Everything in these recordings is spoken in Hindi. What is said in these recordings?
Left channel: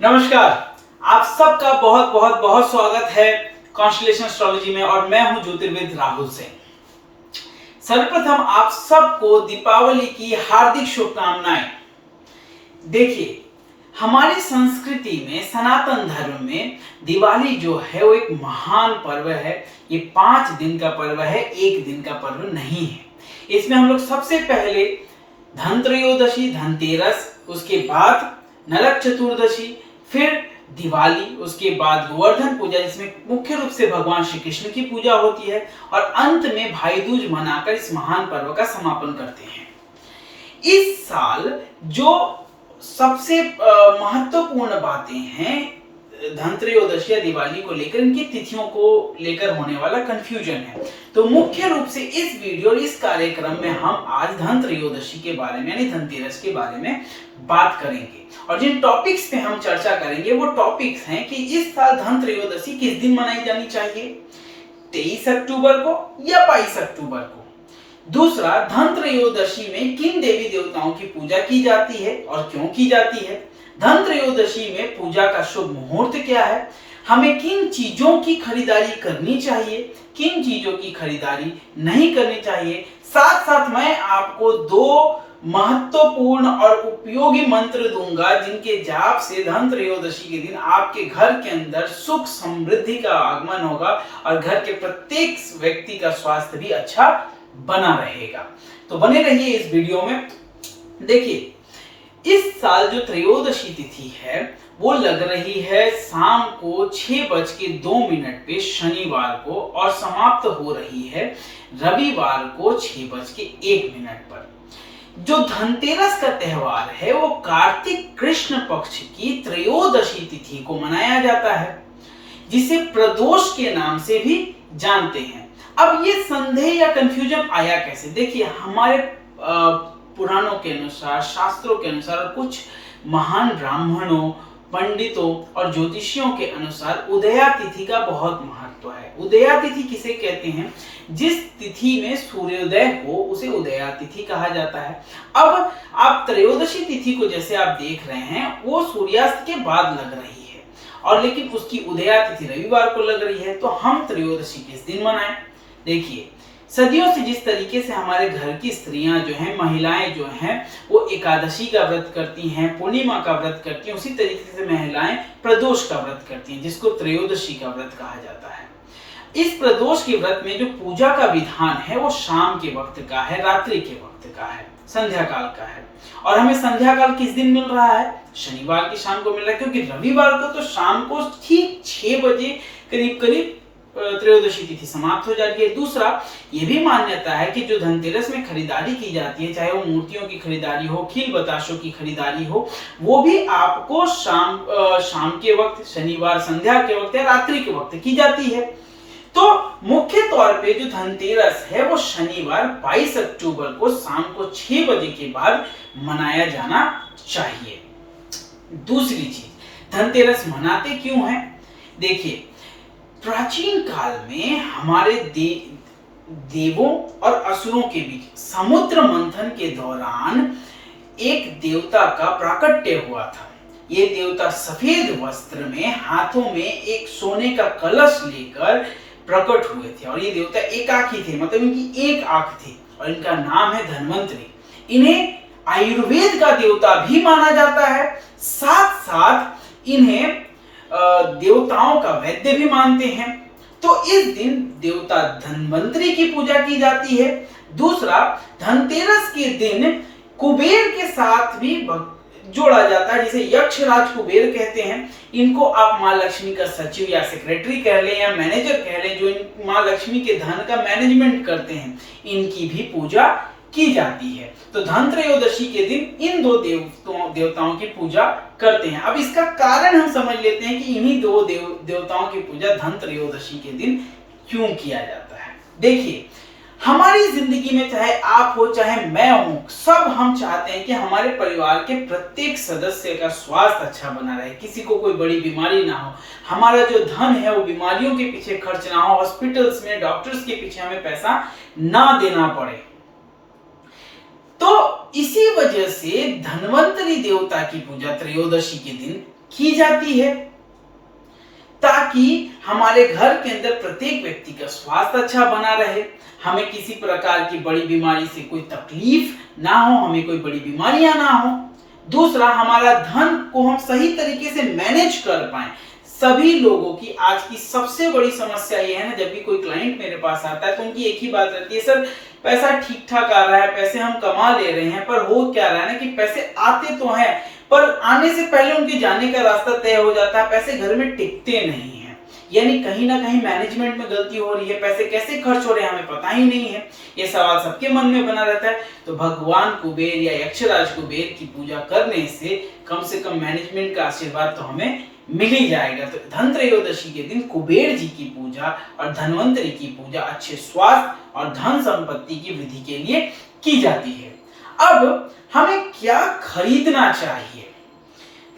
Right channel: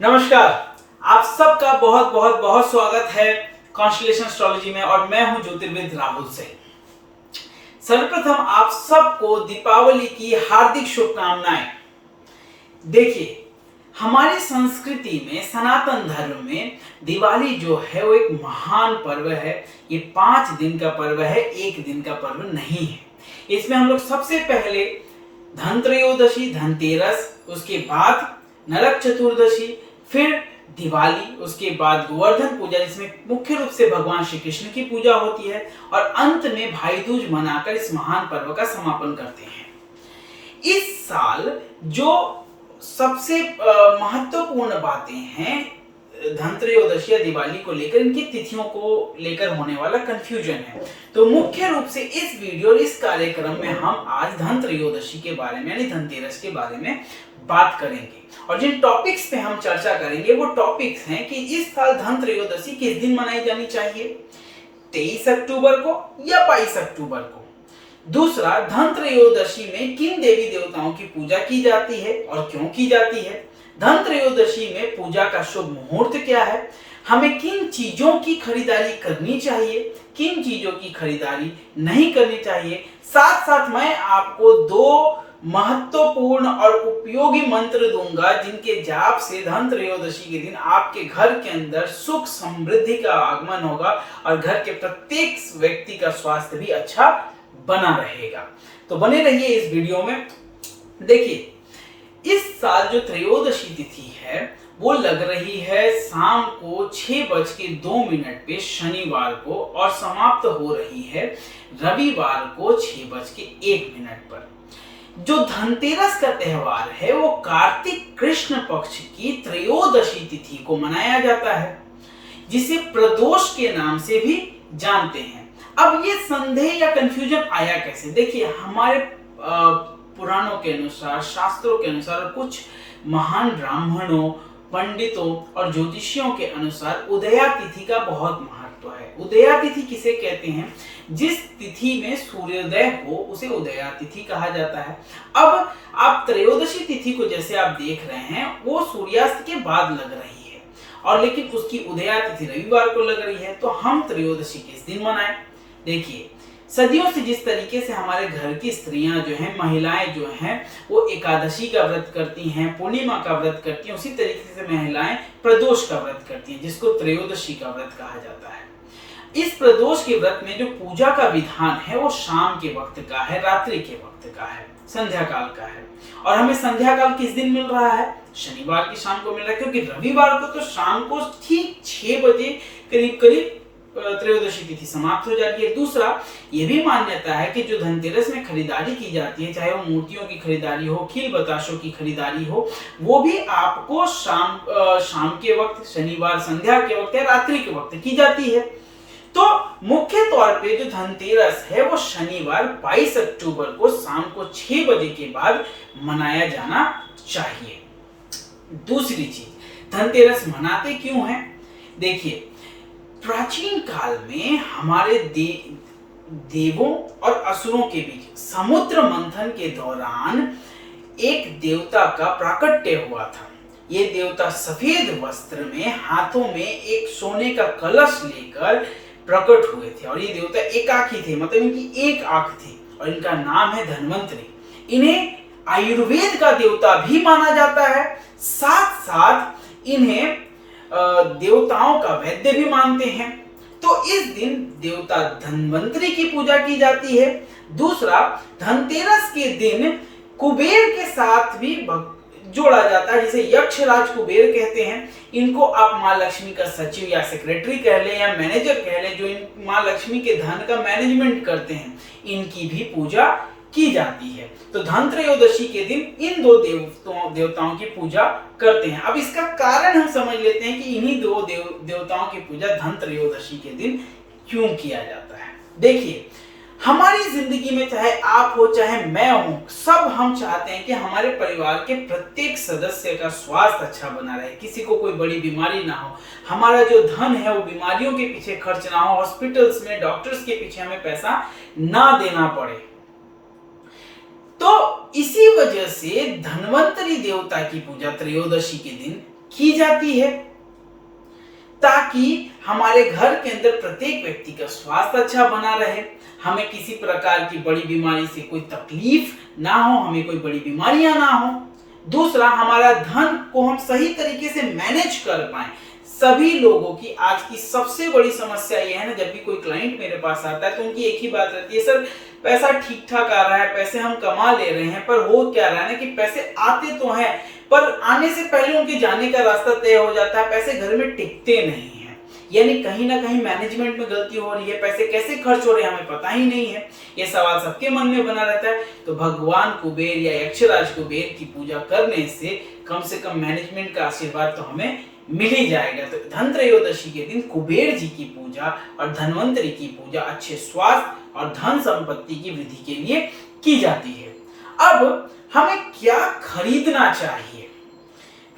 नमस्कार। आप सबका बहुत बहुत बहुत स्वागत है कॉन्स्टलेशन एस्ट्रोलॉजी में और मैं हूं ज्योतिर्विद राहुल सिंह। सर्वप्रथम आप सबको दीपावली की हार्दिक शुभकामनाएं। देखिए, हमारी संस्कृति में सनातन धर्म में दिवाली जो है वो एक महान पर्व है। ये 5 दिन का पर्व है, एक दिन का पर्व नहीं है। इसमें हम लोग सबसे पहले धनत्रयोदशी, धनतेरस, उसके बाद नरक चतुर्दशी, फिर दिवाली, उसके बाद गोवर्धन पूजा जिसमें मुख्य रूप से भगवान श्री कृष्ण की पूजा होती है, और अंत में भाई दूज मनाकर इस महान पर्व का समापन करते हैं। इस साल जो सबसे महत्वपूर्ण बातें हैं धनत्रयोदशी या दिवाली को लेकर, इनकी तिथियों को लेकर होने वाला कंफ्यूजन है। तो मुख्य रूप से इस वीडियो और इस कार्यक्रम में हम आज धनत्रयोदशी के बारे में यानी धनतेरस के बारे में बात करेंगे। और जिन टॉपिक्स पे हम चर्चा करेंगे वो टॉपिक्स हैं कि इस साल धनत्रयोदशी किस दिन मनाई जानी चाहिए, 23 अक्टूबर को या 22 अक्टूबर को। दूसरा, धनत्रयोदशी में किन देवी देवताओं की पूजा की जाती है और क्यों की जाती है। धनत्रयोदशी में पूजा का शुभ मुहूर्त क्या है, हमें किन चीजों की खरीदारी करनी चाहिए, किन चीजों की खरीदारी नहीं करनी चाहिए। साथ साथ मैं आपको 2 महत्वपूर्ण और उपयोगी मंत्र दूंगा जिनके जाप से धनत्रयोदशी के दिन आपके घर के अंदर सुख समृद्धि का आगमन होगा और घर के प्रत्येक व्यक्ति का स्वास्थ्य भी अच्छा बना रहेगा। तो बने रहिए इस वीडियो में। देखिए, इस साल जो त्रयोदशी तिथि है वो लग रही है शाम को 6:02 पे शनिवार को और समाप्त हो रही है रविवार को 6:01 पर। जो धनतेरस का त्योहार है वो कार्तिक कृष्ण पक्ष की त्रयोदशी तिथि को मनाया जाता है, जिसे प्रदोष के नाम से भी जानते हैं। अब ये संदेह या कंफ्यूजन आया कैसे? देखिए, हमारे पुराणों के अनुसार, शास्त्रों के अनुसार और कुछ महान ब्राह्मणों, पंडितों और ज्योतिषियों के अनुसार उदया तिथि का बहुत महत्व है। उदया तिथि किसे कहते हैं? जिस तिथि में सूर्योदय हो उसे उदया तिथि कहा जाता है। अब आप त्रयोदशी तिथि को जैसे आप देख रहे हैं वो सूर्यास्त के बाद लग रही है, और लेकिन उसकी उदया तिथि रविवार को लग रही है। तो हम त्रयोदशी किस दिन मनाएं? देखिए, सदियों से जिस तरीके से हमारे घर की स्त्रियां जो हैं, महिलाएं जो हैं, वो एकादशी का व्रत करती हैं, पूर्णिमा का व्रत करती हैं, उसी तरीके से महिलाएं प्रदोष का व्रत करती हैं, जिसको त्रयोदशी का व्रत कहा जाता है। इस प्रदोष के व्रत में जो पूजा का विधान है वो शाम के वक्त का है, रात्रि के वक्त का है, संध्या काल का है। और हमें संध्या काल किस दिन मिल रहा है? शनिवार की शाम को मिल रहा है, क्योंकि रविवार को तो शाम को ठीक 6 बजे करीब करीब त्रयोदशी तिथि समाप्त हो जाती है। दूसरा, ये भी मान्यता है कि जो धनतेरस में खरीदारी की जाती है, चाहे वो मूर्तियों की खरीदारी हो, खील बताशों की खरीदारी हो, वो भी आपको शाम के वक्त, शनिवार संध्या के वक्त या रात्रि के वक्त की जाती है। तो मुख्य तौर पे जो धनतेरस है वो शनिवार 22 अक्टूबर को शाम को 6 बजे के बाद मनाया जाना चाहिए। दूसरी चीज, धनतेरस मनाते क्यों हैं? देखिए, प्राचीन काल में हमारे देवों और असुरों के बीच समुद्र मंथन के दौरान एक देवता का प्राकट्य हुआ था। ये देवता सफेद वस्त्र में, हाथों में एक सोने का कलश लेकर प्रकट हुए थे, और ये देवता एकाकी थे, मतलब इनकी एक आंख थी, और इनका नाम है धन्वंतरी। इन्हें आयुर्वेद का देवता भी माना जाता है, साथ साथ इन्हें देवताओं का वैद्य भी मानते हैं। तो इस दिन देवता धन्वंतरी की पूजा की जाती है। दूसरा, धनतेरस के दिन कुबेर के साथ भी जोड़ा जाता है, जिसे यक्षराज कुबेर कहते हैं। इनको आप माँ लक्ष्मी का सचिव या सेक्रेटरी कह लें या मैनेजर कह लें, जो माँ लक्ष्मी के धन का मैनेजमेंट करते हैं, इनकी भी पूजा की जाती है। तो धनत्रयोदशी के दिन इन 2 देवताओं की पूजा करते हैं। अब इसका कारण हम समझ लेते हैं कि इन्हीं 2 देवताओं की पूजा धनत्रयोदशी के दिन क्यों किया जाता है। देखिए, हमारी जिंदगी में चाहे आप हो चाहे मैं हूं, सब हम चाहते हैं कि हमारे परिवार के प्रत्येक सदस्य का स्वास्थ्य अच्छा बना रहे, किसी को कोई बड़ी बीमारी ना हो, हमारा जो धन है वो बीमारियों के पीछे खर्च ना हो, हॉस्पिटल्स में डॉक्टर्स के पीछे हमें पैसा ना देना पड़े। तो इसी वजह से धन्वंतरी देवता की पूजा त्रयोदशी के दिन की जाती है ताकि हमारे घर के अंदर प्रत्येक व्यक्ति का स्वास्थ्य अच्छा बना रहे, हमें किसी प्रकार की बड़ी बीमारी से कोई तकलीफ ना हो, हमें कोई बड़ी बीमारियां ना हो। दूसरा, हमारा धन को हम सही तरीके से मैनेज कर पाए। सभी लोगों की आज की सबसे बड़ी समस्या ये है ना, जब भी कोई क्लाइंट मेरे पास आता है तो उनकी एक ही बात रहती है, सर पैसा ठीक ठाक आ रहा है, पैसे हम कमा ले रहे हैं, पर हो क्या रहा है ना कि पैसे आते तो हैं पर आने से पहले उनके जाने का रास्ता तय हो जाता है, पैसे घर में टिकते नहीं है। यानी कहीं ना कहीं मैनेजमेंट में गलती हो रही है, पैसे कैसे खर्च हो रहे हैं हमें पता ही नहीं है। यह सवाल सबके मन में बना रहता है। तो भगवान कुबेर या यक्षराज कुबेर की पूजा करने से कम मैनेजमेंट का आशीर्वाद तो हमें मिल ही जाएगा। तो धनत्रयोदशी के दिन कुबेर जी की पूजा और धनवंतरी की पूजा अच्छे स्वास्थ्य और धन संपत्ति की वृद्धि के लिए की जाती है। अब हमें क्या खरीदना चाहिए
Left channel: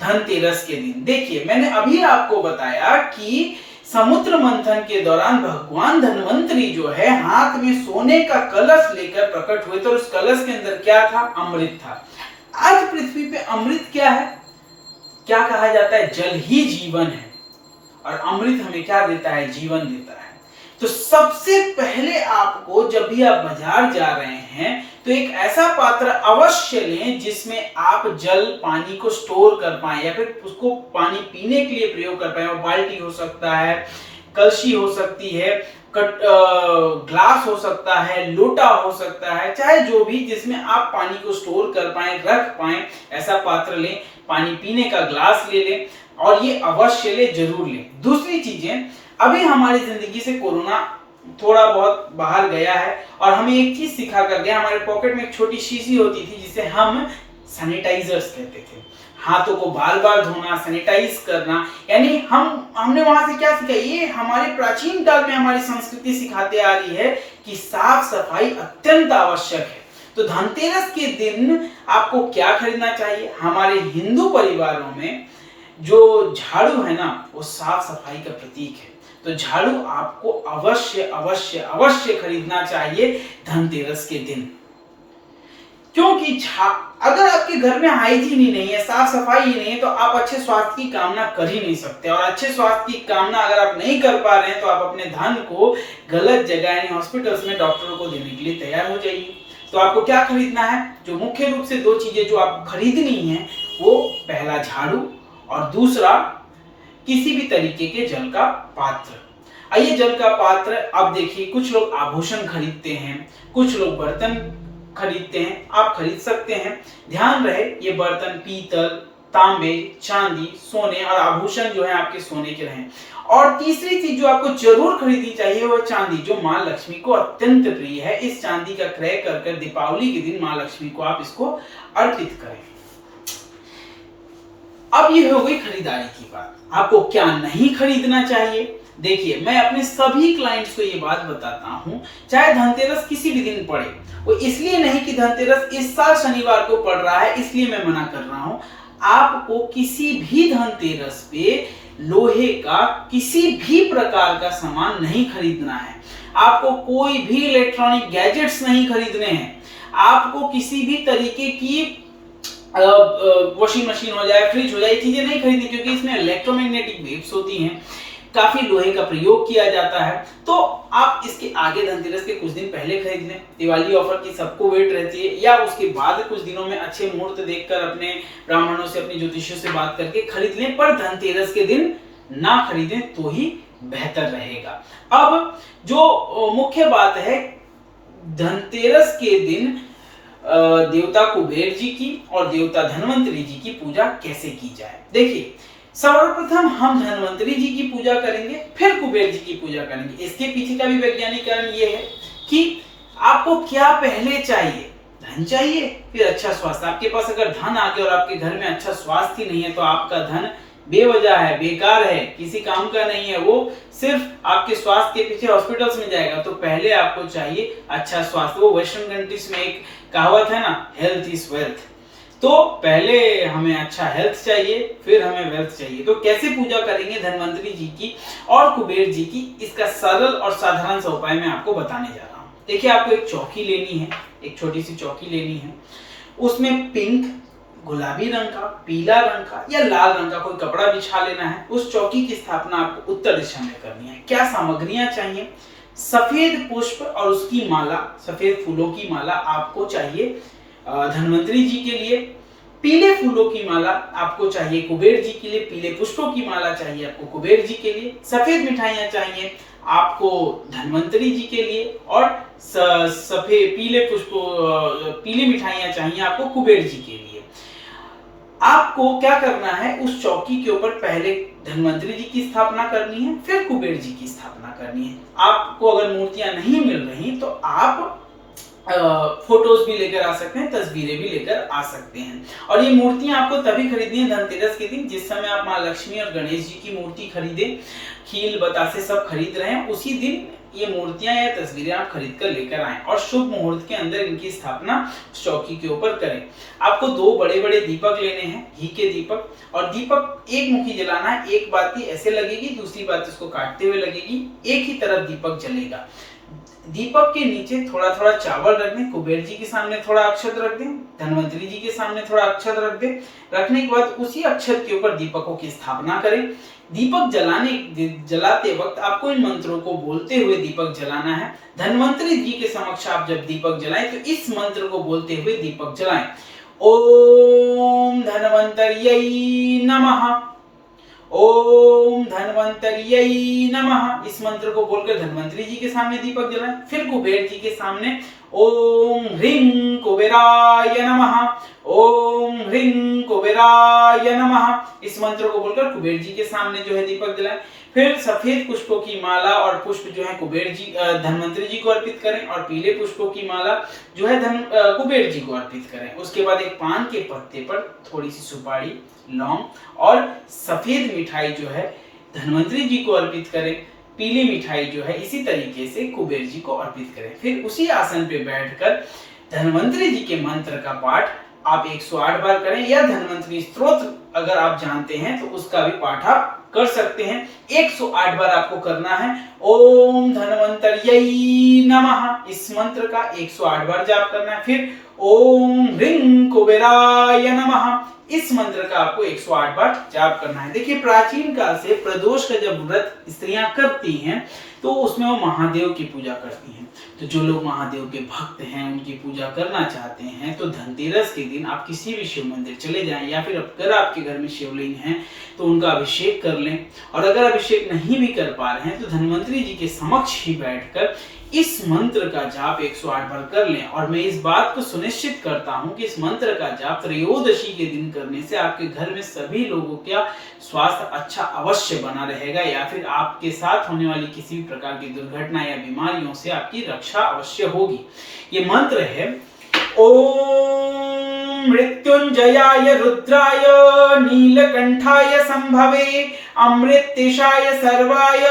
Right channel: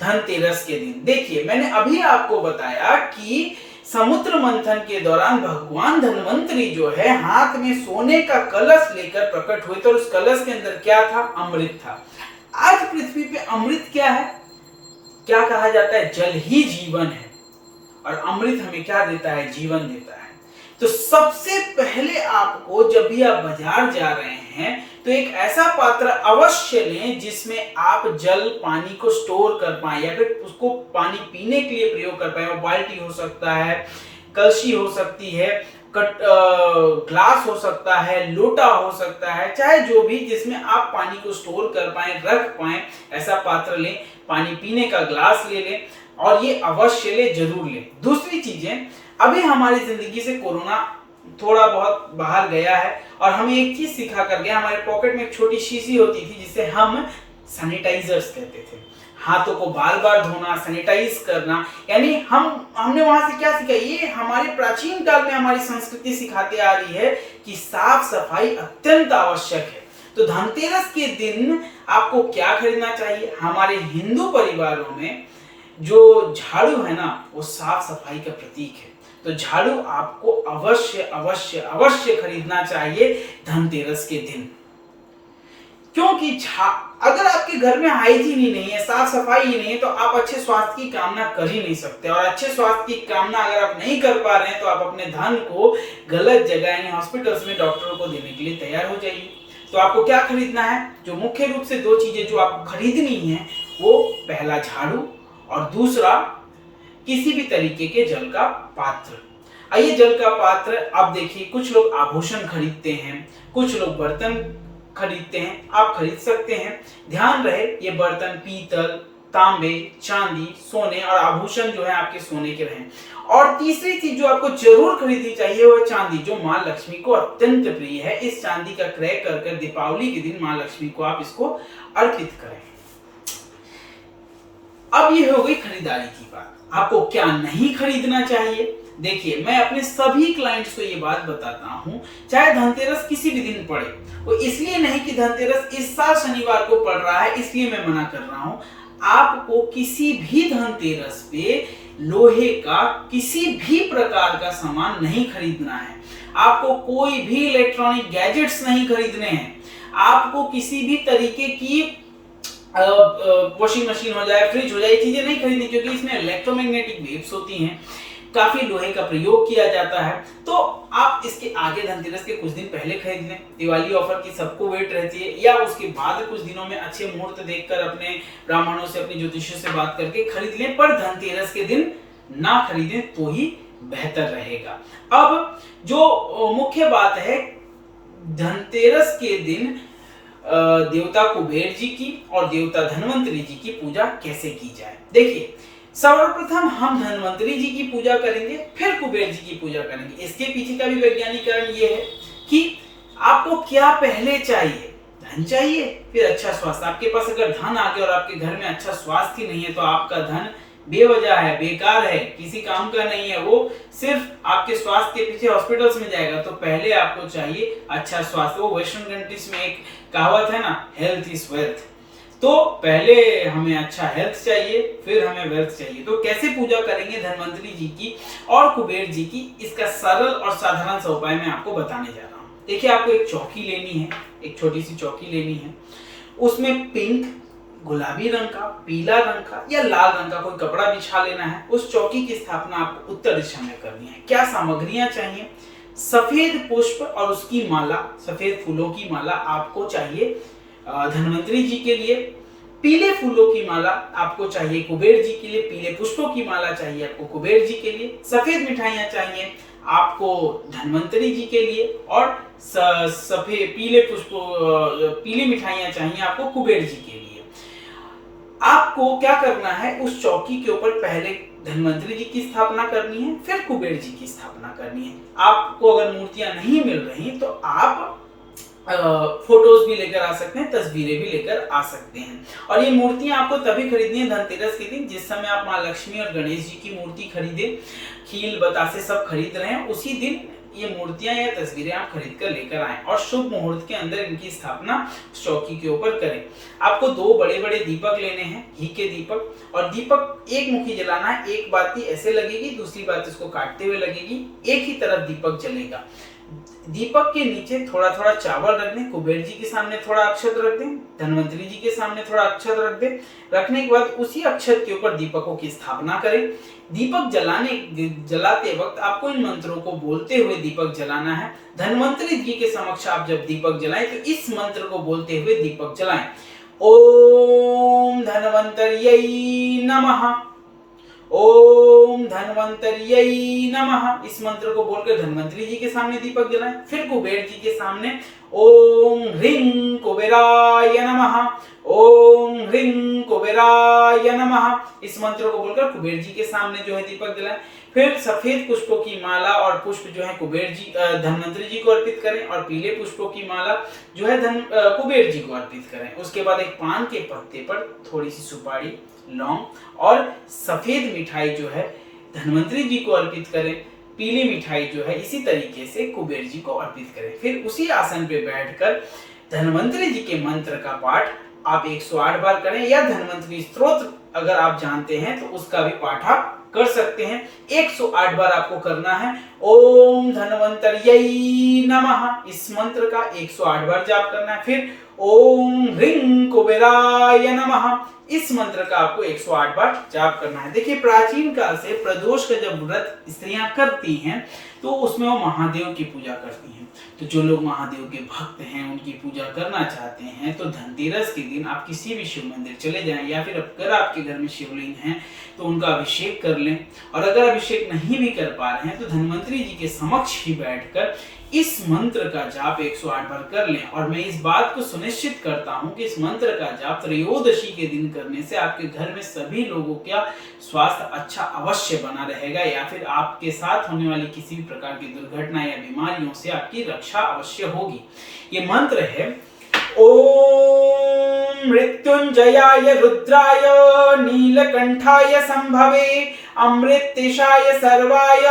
धनतेरस के दिन? देखिए, मैंने अभी आपको बताया कि समुद्र मंथन के दौरान भगवान धनवंतरी जो है हाथ में सोने का कलश लेकर प्रकट हुए, तो उस कलश के अंदर क्या था? अमृत था। आज पृथ्वी पे अमृत क्या है? क्या कहा जाता है? जल ही जीवन है, और अमृत हमें क्या देता है? जीवन देता है। तो सबसे पहले आपको जब भी आप बाजार जा रहे हैं तो एक ऐसा पात्र अवश्य लें जिसमें आप जल पानी को स्टोर कर पाए या फिर उसको पानी पीने के लिए प्रयोग कर पाए। वो बाल्टी हो सकता है, कलशी हो सकती है, ग्लास हो सकता है, लोटा हो सकता है, चाहे जो भी जिसमें आप पानी को स्टोर कर पाए, रख पाए, ऐसा पात्र लें। पानी पीने का ग्लास ले लें और ये अवश्य ले, जरूर लें। दूसरी चीजें, अभी हमारी जिंदगी से कोरोना थोड़ा बहुत बाहर गया है और हमें एक चीज सिखा कर गया। हमारे पॉकेट में एक छोटी शीशी होती थी जिसे हम सैनिटाइजर्स कहते थे। हाथों को बार बार धोना, सैनिटाइज करना, यानी हमने वहां से क्या सीखा? ये हमारे प्राचीन काल में हमारी संस्कृति सिखाते आ रही है कि साफ सफाई अत्यंत आवश्यक है। तो धनतेरस के दिन आपको क्या खरीदना चाहिए? हमारे हिंदू परिवारों में जो झाड़ू है ना, वो साफ सफाई का प्रतीक है। तो झाड़ू आपको अवश्य अवश्य अवश्य खरीदना चाहिए धनतेरस के दिन, क्योंकि अगर आपके घर में हाइजीन ही नहीं है, साफ सफाई ही नहीं है, तो आप अच्छे स्वास्थ्य की कामना कर ही नहीं सकते। और अच्छे स्वास्थ्य की कामना अगर आप नहीं कर पा रहे हैं तो आप अपने धन को गलत जगह यानी हॉस्पिटल्स में डॉक्टरों को देने के लिए तैयार हो जाइए। तो आपको क्या खरीदना है? जो मुख्य रूप से दो चीजें जो आपको खरीदनी है, वो पहला झाड़ू और दूसरा किसी भी तरीके के जल का पात्र। आइए, जल का पात्र, अब देखिए, कुछ लोग आभूषण खरीदते हैं, कुछ लोग बर्तन खरीदते हैं, आप खरीद सकते हैं। ध्यान रहे, ये बर्तन पीतल, तांबे, चांदी, सोने और आभूषण जो है आपके सोने के रहें। और तीसरी चीज जो आपको जरूर खरीदनी चाहिए वो चांदी, जो मां लक्ष्मी को अत्यंत प्रिय है। इस चांदी का क्रय कर दीपावली के दिन मां लक्ष्मी को आप इसको अर्पित करें। अब ये हो गई खरीदारी की बात। आपको क्या नहीं खरीदना चाहिए? देखिए, मैं अपने सभी क्लाइंट्स को ये बात बताता हूं, चाहे धनतेरस किसी भी दिन पड़े, वो इसलिए नहीं कि धनतेरस इस साल शनिवार को पड़ रहा है इसलिए मैं मना कर रहा हूं। आपको किसी भी धनतेरस पे लोहे का किसी भी प्रकार का सामान नहीं खरीदना है। आपको कोई भी इलेक्ट्रॉनिक गैजेट्स नहीं खरीदने हैं। आपको किसी भी तरीके की वॉशिंग मशीन हो जाए, फ्रिज हो जाए, चीजें नहीं खरीदनी, क्योंकि इसमें इलेक्ट्रोमैग्नेटिक वेव्स होती हैं, काफी लोहे का प्रयोग किया जाता है। तो आप इसके आगे धनतेरस के कुछ दिन पहले खरीद लें। दिवाली ऑफर की सबको वेट रहती है, या उसके बाद कुछ दिनों में अच्छे मुहूर्त देखकर अपने ब्राह्मणों से, अपने ज्योतिषियों से बात करके खरीद लें, पर धनतेरस के दिन ना खरीदें तो ही बेहतर रहेगा। अब जो मुख्य बात है, धनतेरस के दिन देवता कुबेर जी की और देवता धनवंतरी जी की पूजा कैसे की जाए? देखिए, सर्वप्रथम हम धनवंतरी जी की पूजा करेंगे, फिर कुबेर जी की पूजा करेंगे। इसके पीछे का भी वैज्ञानिक कारण ये है कि आपको क्या पहले चाहिए? धन चाहिए, फिर अच्छा स्वास्थ्य। आपके पास अगर धन आ गया और आपके घर में अच्छा स्वास्थ्य ही नहीं है तो आपका धन बेवजह है, बेकार है, किसी काम का नहीं है, वो सिर्फ आपके स्वास्थ्य के पीछे हॉस्पिटल्स में जाएगा। तो पहले आपको चाहिए अच्छा स्वास्थ्य। वो वेस्टर्न कंट्रीज में एक कहावत है ना, हेल्थ इज वेल्थ। तो पहले हमें अच्छा हेल्थ चाहिए, फिर हमें वेल्थ चाहिए। तो कैसे पूजा करेंगे धनवंतरी जी की और कुबेर जी की, इसका सरल और साधारण सा उपाय मैं आपको बताने जा रहा हूँ। देखिए, आपको एक चौकी लेनी है, एक छोटी सी चौकी लेनी है। उसमें पिंक, गुलाबी रंग का, पीला रंग का या लाल रंग का कोई कपड़ा बिछा लेना है। उस चौकी की स्थापना आपको उत्तर दिशा में करनी है। क्या सामग्रियां चाहिए? सफेद पुष्प और उसकी माला, सफेद फूलों की माला आपको चाहिए धन्वंतरी जी के लिए। पीले फूलों की माला आपको चाहिए कुबेर जी के लिए। पीले पुष्पों की माला चाहिए आपको कुबेर जी के लिए। सफेद मिठाइयां चाहिए आपको धन्वंतरी जी के लिए और सफेद पीली मिठाइयां चाहिए आपको कुबेर जी के लिए। आपको क्या करना है, उस चौकी के ऊपर पहले धन्वंतरी जी की स्थापना करनी है, फिर कुबेर जी की स्थापना करनी है। आपको अगर मूर्तियां नहीं मिल रही तो आप फोटोज भी लेकर आ सकते हैं, तस्वीरें भी लेकर आ सकते हैं। और ये मूर्तियां आपको तभी खरीदनी है धनतेरस के दिन, जिस समय आप माँ लक्ष्मी और गणेश जी की मूर्ति खरीदे, खील बतासे सब खरीद रहे हैं, उसी दिन ये मूर्तियां या तस्वीरें आप खरीद कर लेकर आएं और शुभ मुहूर्त के अंदर इनकी स्थापना चौकी के ऊपर करें। आपको 2 बड़े बड़े दीपक लेने हैं, घी के दीपक, और दीपक एक मुखी जलाना है। एक बाती ऐसे लगेगी, दूसरी बात इसको काटते हुए लगेगी, एक ही तरफ दीपक जलेगा। दीपक के नीचे थोड़ा थोड़ा चावल रख दें, कुबेर जी के सामने थोड़ा अक्षत रख दें, धन्वंतरी जी के सामने थोड़ा अक्षत रख दें। रखने के बाद उसी अक्षत के ऊपर दीपकों की स्थापना करें। दीपक जलाते वक्त आपको इन मंत्रों को बोलते हुए दीपक जलाना है। धन्वंतरी जी के समक्ष आप जब दीपक जलाएं तो इस मंत्र को बोलते हुए दीपक जलाएं। ओम धन्वंतर्यै नमः, ओम धन्वंतर्यै नमः। इस मंत्र को बोलकर धन्वंतरी जी के सामने दीपक जलाएं। फिर कुबेर जी के सामने ओम ह्रीं कुबेराय नमः, ओम ह्रीं कुबेराय नमः। इस मंत्र को बोलकर कुबेर जी के सामने जो है दीपक जलाएं। फिर सफेद पुष्पों की माला और पुष्प जो है कुबेर जी धन्वंतरी जी को अर्पित करें और पीले पुष्पों की माला जो है कुबेर जी को अर्पित करें। उसके बाद एक पान के पत्ते पर थोड़ी सी सुपारी, लौंग और सफेद मिठाई जो है धन्वंतरी जी को अर्पित करें। पीली मिठाई जो है इसी तरीके से कुबेर जी को अर्पित करें। फिर उसी आसन पे बैठकर धन्वंतरी जी के मंत्र का पाठ आप 108 बार करें, या धन्वंतरी स्तोत्र अगर आप जानते हैं तो उसका भी पाठ आप कर सकते हैं। 108 बार आपको करना है। ओम धन्वंतर्यै नमः इस मंत्र का 108 बार जाप करना है। फिर ओम ह्रीं कुबेराय नमः इस मंत्र का आपको 108 बार जाप करना है। देखिए, प्राचीन काल से प्रदोष का जब व्रत स्त्रियां करती हैं तो उसमें वो महादेव की पूजा करती हैं। तो जो लोग महादेव के भक्त हैं, उनकी पूजा करना चाहते हैं, तो धनतेरस के दिन आप किसी भी शिव मंदिर चले जाएं, या फिर अगर आपके घर में शिवलिंग है तो उनका अभिषेक कर लें। और अगर अभिषेक नहीं भी कर पा रहे हैं तो धन्वंतरी जी के समक्ष ही बैठकर इस मंत्र का जाप 108 बार कर लें। और मैं इस बात को सुनिश्चित करता हूं कि इस मंत्र का जाप त्रयोदशी के दिन करने से आपके घर में सभी लोगों का स्वास्थ्य अच्छा अवश्य बना रहेगा, या फिर आपके साथ होने वाली किसी भी प्रकार की दुर्घटना या बीमारियों से आपकी रक्षा अवश्य होगी। ये मंत्र है ओम मृत्युंजयाय रुद्राय नीलकंठाय संभवे अमृतेशाय सर्वाय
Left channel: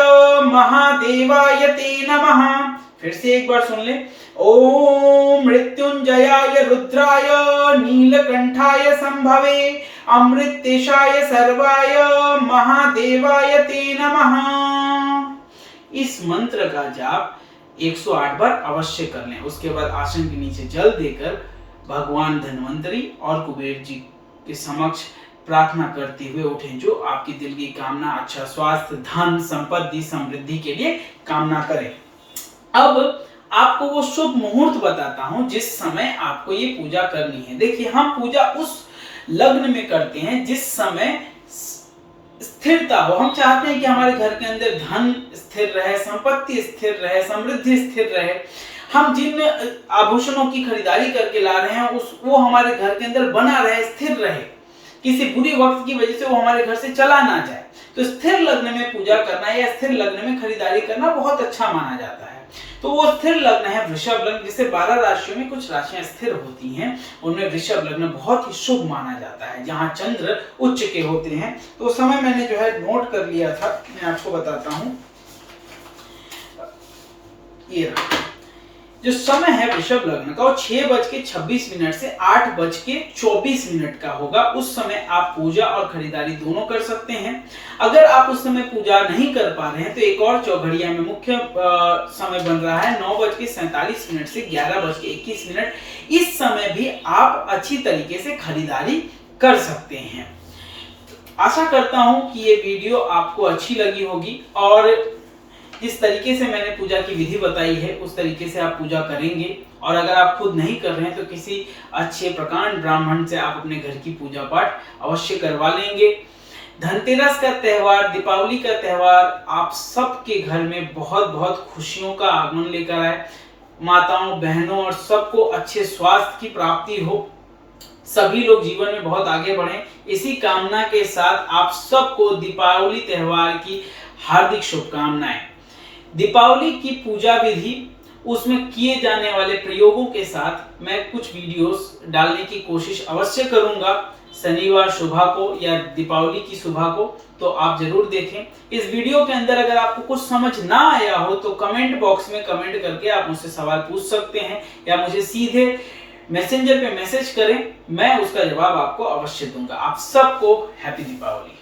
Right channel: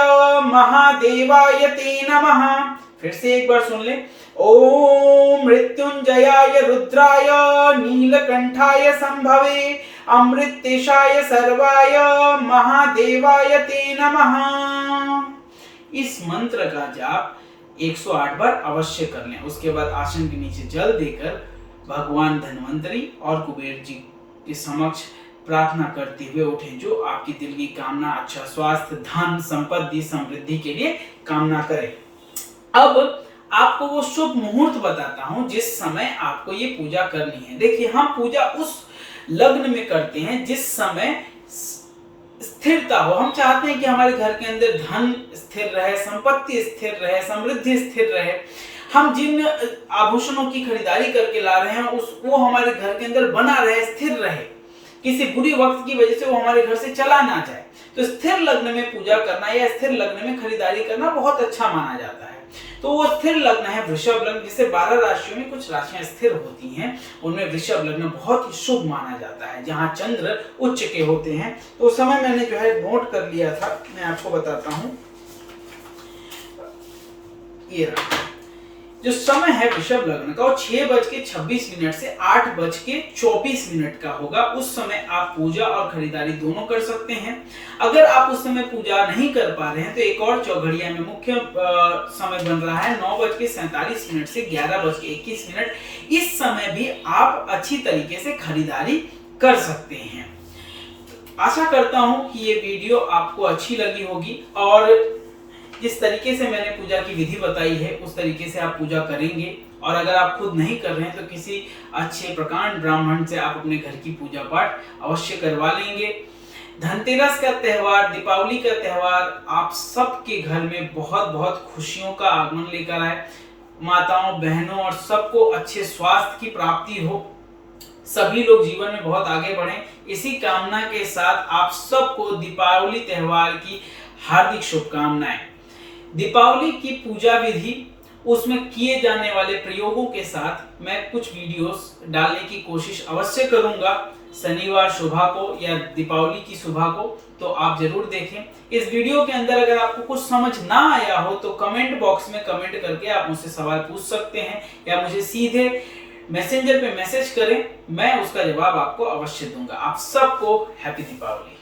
महादेवाय ते नमः। फिर से एक बार सुन ले। ओम मृत्युंजयाय रुद्राय नीलकंठाय संभवे अमृतेशाय सर्वाय महादेवाय ते नमः। इस मंत्र का जाप 108 बार अवश्य कर लें। उसके बाद आसन के नीचे जल देकर भगवान धन्वंतरी और कुबेर जी के समक्ष प्रार्थना करते हुए उठें, जो आपकी दिल की कामना, अच्छा स्वास्थ्य, धन, संपत्ति, समृद्धि के लिए कामना करें। अब आपको वो शुभ मुहूर्त बताता हूं जिस समय आपको ये पूजा करनी है। देखिए, हम पूजा उस लग्न में करते हैं जिस समय स्थिरता हो। हम चाहते हैं कि हमारे घर के अंदर धन स्थिर रहे, संपत्ति स्थिर रहे, समृद्धि स्थिर रहे। हम जिन आभूषणों की खरीदारी करके ला रहे हैं वो हमारे घर के अंदर बना रहे, स्थिर रहे, किसी बुरी वक्त की वजह से वो हमारे घर से चला ना जाए। तो स्थिर लग्न में पूजा करना या स्थिर लग्न में खरीदारी करना बहुत अच्छा माना जाता है। तो वो स्थिर लग्न है वृषभ लग्न, जिसे 12 राशियों में कुछ राशियां स्थिर होती हैं, उनमें वृषभ लग्न बहुत ही शुभ माना जाता है, जहां चंद्र उच्च के होते हैं। तो उस समय मैंने जो है नोट कर लिया था, मैं आपको बताता हूं। ये रहा जो समय है वृषभ लग्न का, वो 6:26 से 8:24 का होगा। उस समय आप पूजा और खरीदारी दोनों कर सकते हैं। अगर आप उस समय पूजा नहीं कर पा रहे हैं तो एक और चौघड़िया में मुख्य समय बन रहा है 9:47 से 11:21। इस समय भी आप अच्छी तरीके से खरीदारी कर सकते हैं। आशा करता हूं कि ये वीडियो आपको अच्छी लगी होगी और जिस तरीके से मैंने पूजा की विधि बताई है उस तरीके से आप पूजा करेंगे, और अगर आप खुद नहीं कर रहे हैं तो किसी अच्छे प्रकांड ब्राह्मण से आप अपने घर की पूजा पाठ अवश्य करवा लेंगे। धनतेरस का त्यौहार, दीपावली का त्यौहार आप सबके घर में बहुत बहुत खुशियों का आगमन लेकर आए। माताओं, बहनों और सबको अच्छे स्वास्थ्य की प्राप्ति हो, सभी लोग जीवन में बहुत आगे बढ़ें, इसी कामना के साथ आप सबको दीपावली त्यौहार की हार्दिक शुभकामनाएं। दीपावली की पूजा विधि, उसमें किए जाने वाले प्रयोगों के साथ मैं कुछ वीडियोस डालने की कोशिश अवश्य करूंगा शनिवार सुबह को या दीपावली की सुबह को, तो आप जरूर देखें। इस वीडियो के अंदर अगर आपको कुछ समझ ना आया हो तो कमेंट बॉक्स में कमेंट करके आप मुझसे सवाल पूछ सकते हैं या मुझे सीधे मैसेंजर पे मैसेज करें, मैं उसका जवाब आपको अवश्य दूंगा। आप सबको हैप्पी दीपावली।